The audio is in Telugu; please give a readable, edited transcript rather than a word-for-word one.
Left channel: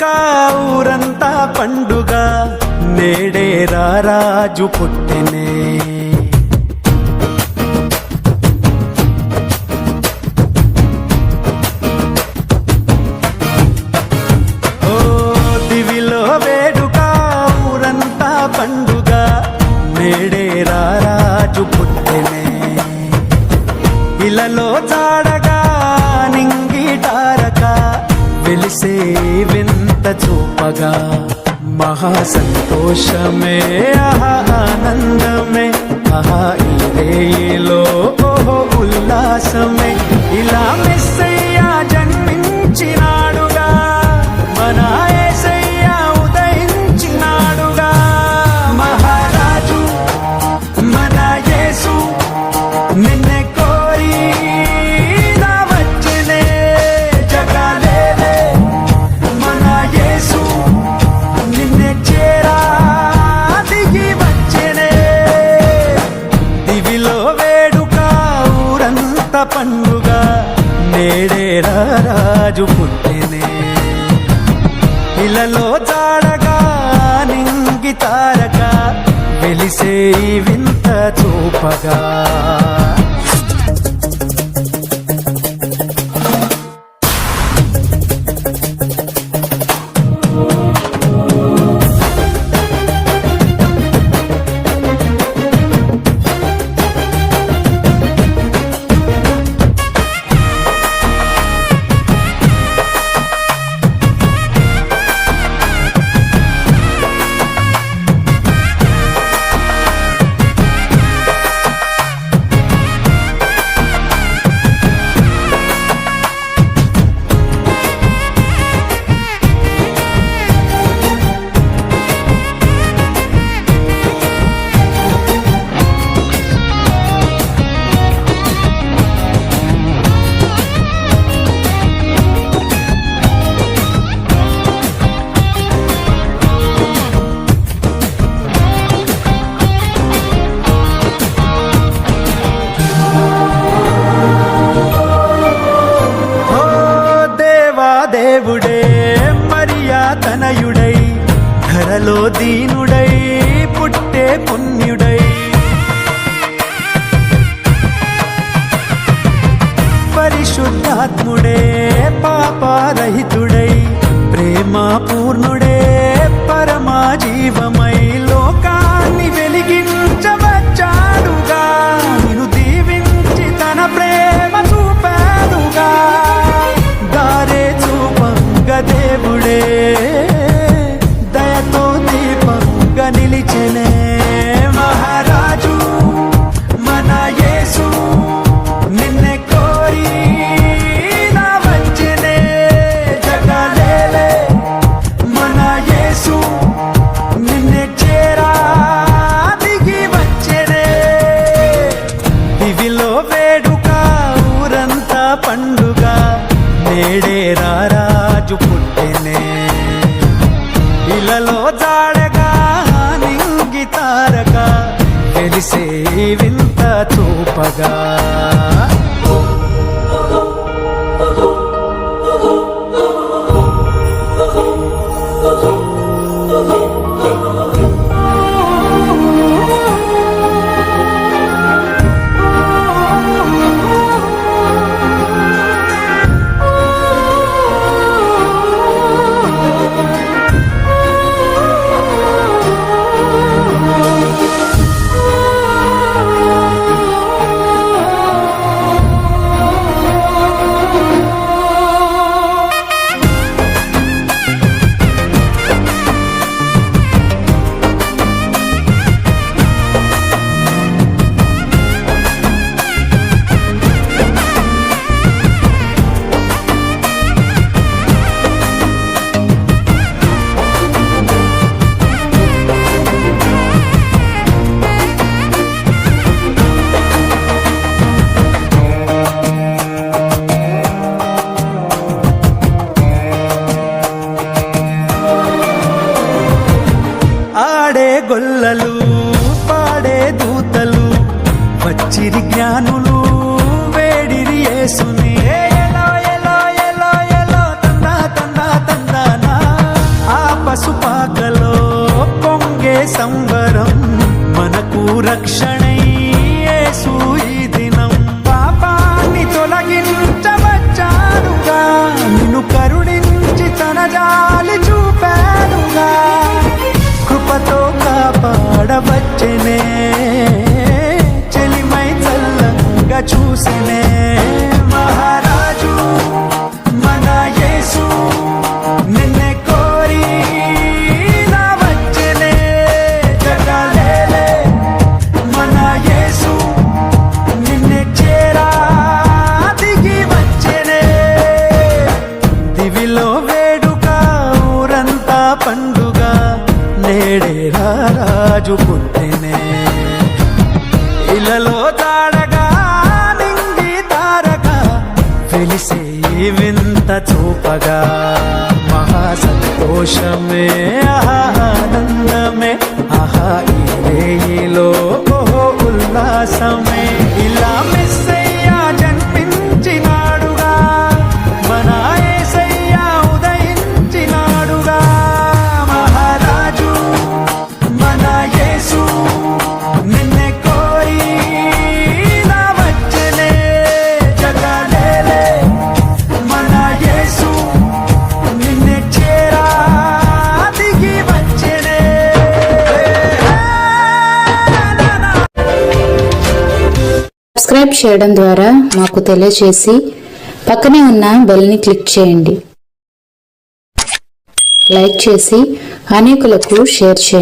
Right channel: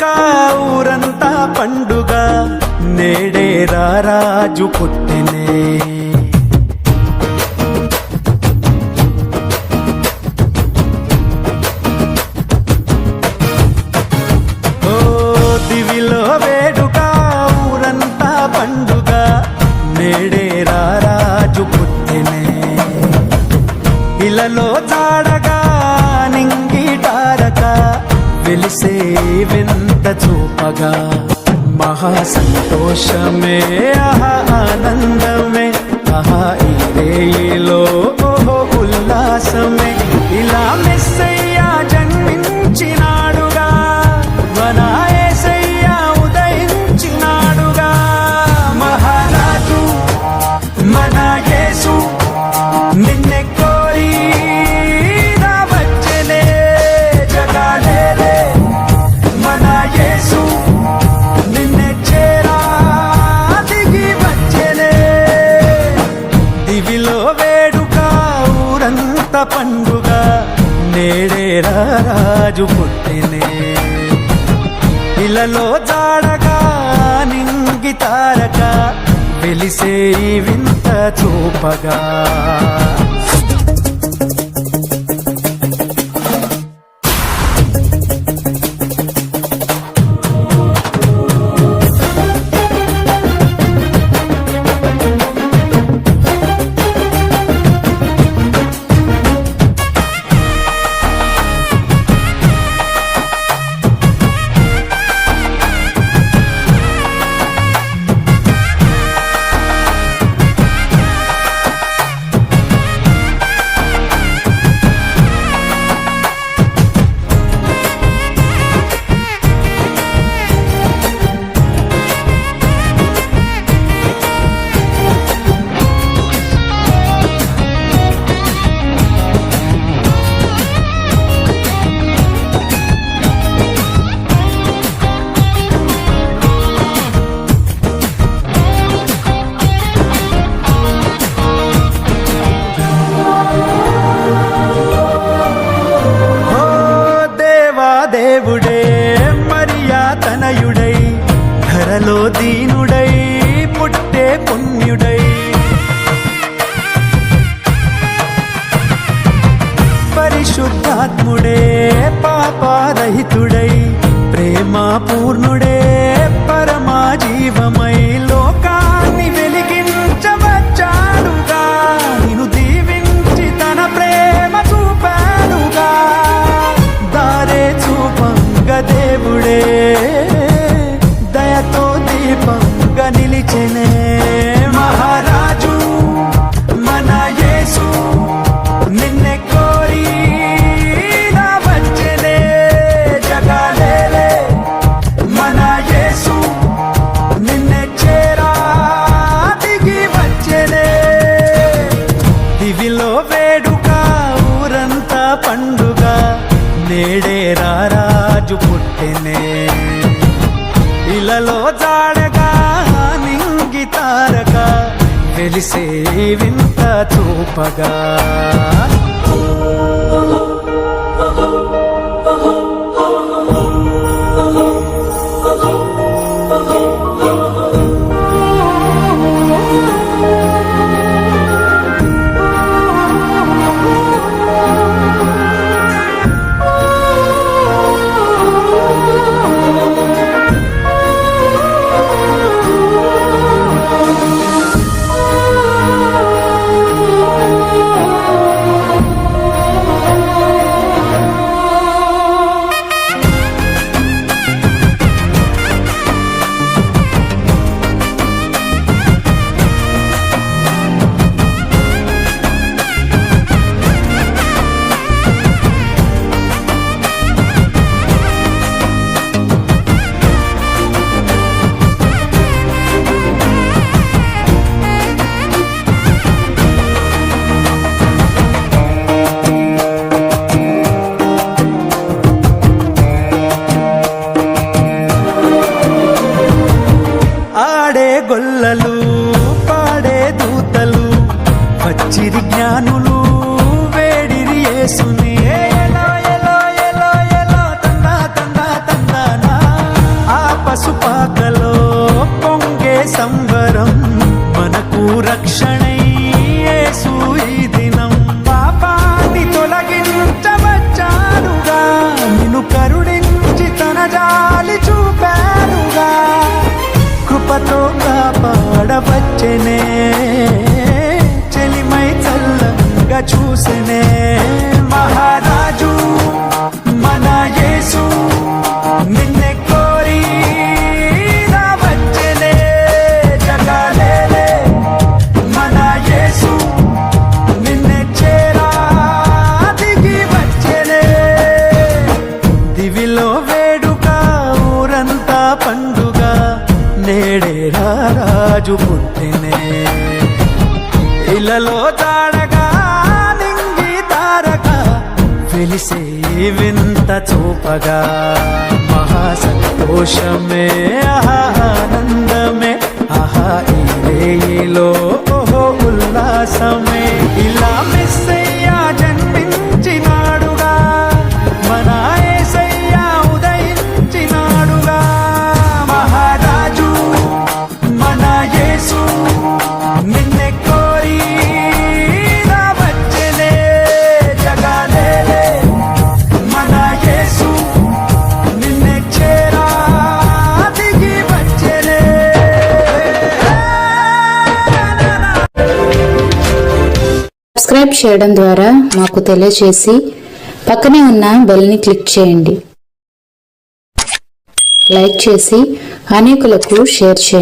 వేడుక ఊరంతా పండుగ నేడే రారాజు పుట్టెనే. ఓ దివిలో వేడుక ఊరంతా పండుగ నేడే రారాజు పుట్టెనే. ఇలలో జాడగా నింగిటారక వెలిసే వింత చూపగా మహా సంతోషమే ఆహా ఆనందమే ఆహా ఈ రేయిలో ఓహో ఉల్లాసమే. ఇలా మెస్సయ్య జన్మించినాడుగా మన యేసయ్య ఉదయించినాడుగా. మహారాజు మన యేసు నిన్నే కోరి నా వచ్చెనే జగాలేలే. మన యేసు నిన్నే చేరా దిగి వచ్చెనే. దివిలో వేడుక ఊరంత పండుగ నేడే రారాజు పుట్టెనే. ఇలలో జాడగా నింగి తారక వెలిసే వింత చూపగా. దేవుడే మరియా తనయుడై ధరలో దీనుడై పుట్టే పుణ్యుడై. పరిశుద్ధాత్ముడే పాపరహితుడై ప్రేమ పూర్ణుడే పరమా జీవమై లోకాన్ని వెలిగించవచ్చాడుగా. నిన్ను దీవించి తన ప్రేమ చూపాడుగా. దారే చూపంగ దేవుడే దయతో దీపంగా నిలిచెనే. మహారాజు మన యేసు నిన్నే కోరి నా వచ్చెనే జగాలేలే. మన యేసు నిన్నే చేరా దిగి వచ్చెనే. దివిలో వేడుక ఊరంతా పండుగ నేడే రారాజు పుట్టెనే. ఇలలో జాడగా నింగి తారక వెలిసే వింత చూపగా. ఆడే గొల్లలు పాడే దూతలు వచ్చిరి జ్ఞానులు వేడిరి యేసుని. ఎలో ఎలో ఎలో ఎలో తందా తందా తందానా పసుపాకలో పొంగే సంబరం మనకు రక్షణై యేసు ఈ దినం పాపాన్ని తొలగించవచ్చాడుగా నిన్ను కరుణించి తన జాలి చూపాడుగా కృపతో కాపాడవచ్చనే చెలిమై చల్లంగా చూసెనే మహారాజు మన యేసు నిన్నే కోరి రావచ్చనే జగలేలే మన యేసు నిన్నే చేరా దిగి వచ్చెనే దివిలో వేడుక ఊరంతా పండుగ నేడే రాజు పుట్టినే ఇలలో తాడగా నింగి తారక వెలిసే వింత చూపగా మహా సంతోషమే ఆనందమే ఆహా ఈ రేయిలో ఓహో ఉల్లాసమే ఇలా మెస్సయ్యా జన్మించినాడుగా మన యేసయ్యా ఉదయించినాడుగా మహారాజు మన యేసు నిన్నే కోరి రావచ్చనే జగలేలే మన యేసు నిన్నే చేరా దిగి వచ్చెనే సబ్స్క్రైబ్ చేయడం ద్వారా మాకు తెలియజేసి పక్కనే ఉన్న బెల్ని క్లిక్ చేయండి. లైక్ చేసి అనేకులకు షేర్ చేయండి.